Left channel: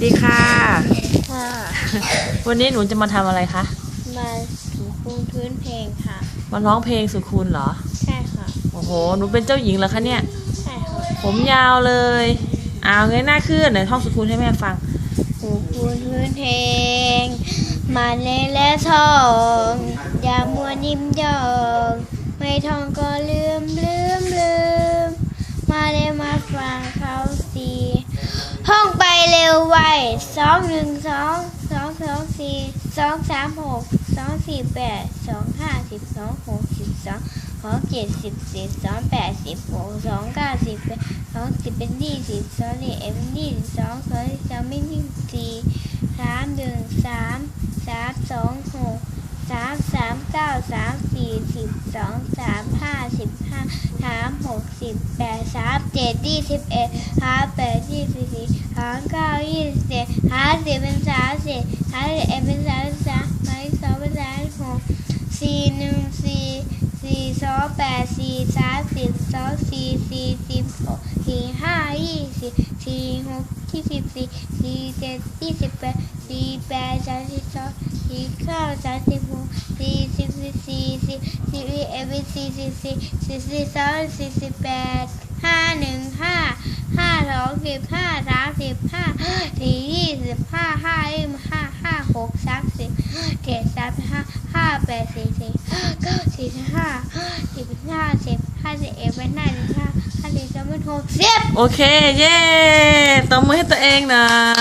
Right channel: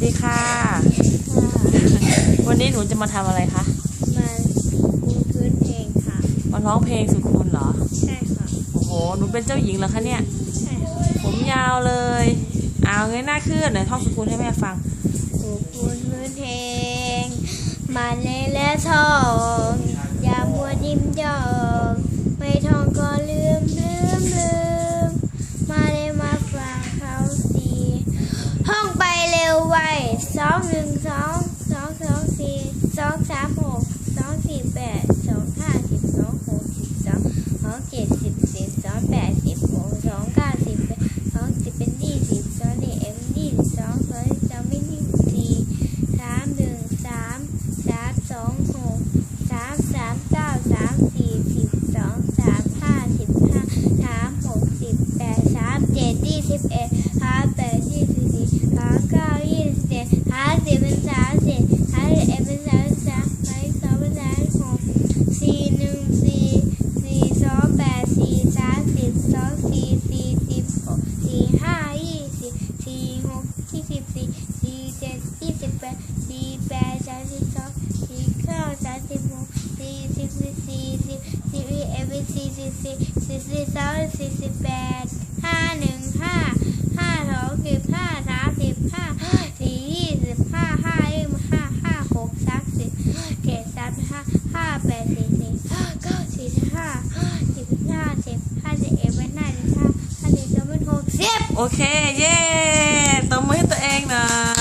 ดีค่ะ ค่ะวันนี้หนูจะมาทำอะไรคะ มาปูพื้นเพลงค่ะ มาร้องเพลงสุดคุณเหรอ ใช่ค่ะ โอ้โห หนูเป็นเจ้าหญิงเหรอคะเนี่ย ใช่ค่ะผมยาวเลย เอาเงยหน้าขึ้นไหนท่องสุดคุณให้แม่ฟัง ปูพื้นพื้นเพลง มาเล่นและท่อง เร็วไวสองหนึ่งสองสองสองสี่สองสามหกสองสี่แปดสองห้าสิบสองหกสิบสองสองเจ็ดสิบสิบสองแปดสิบหกสองเก้าสิบแปดสองสิบเป็นยี่สิบสองสิบเอ็มยี่สิบสองสองสิบสองเป็นยี่สี่สามหนึ่งสามสามสองหกสามสามเก้าสามสี่สิบสองสามห้าสิบ สิบแปดสามเจ็ดยี่สิบเอ็ดหาแปดยี่สิบสี่หาเก้ายี่สิบเจ็ดหาสิบเป็นสามสิบหาสิบเอ็ดเป็นสามสาม บสองสี่สี่สิบหกสี่ห้ายี่สิบสี่หกยี่สิบสี่สี่เจ็ดยี่สิบแปดสี่แปดสามสิบสองสี่เก้าสามสิบหกสี่สิบสี่สี่สิบสี่เอ็ดเป็นสี่สิบสี่สี่สิบสองสี่สิบแปดห้าหนึ่งห้าห้าสองสิบห้าสามสิบห้าสี่ยี่สิบห้าห้ายี่สิบห้าห้าหกสามสิบเจ็ดสามห้าห้าแปดสี่สิบเก้าสี่ห้าสิบห้าสิบ สิบเอ็ดเป็นห้าสิบห้าห้าสิบสองเป็นหกสิบโอเค เย้ตบมือให้ตัวเองหน่อย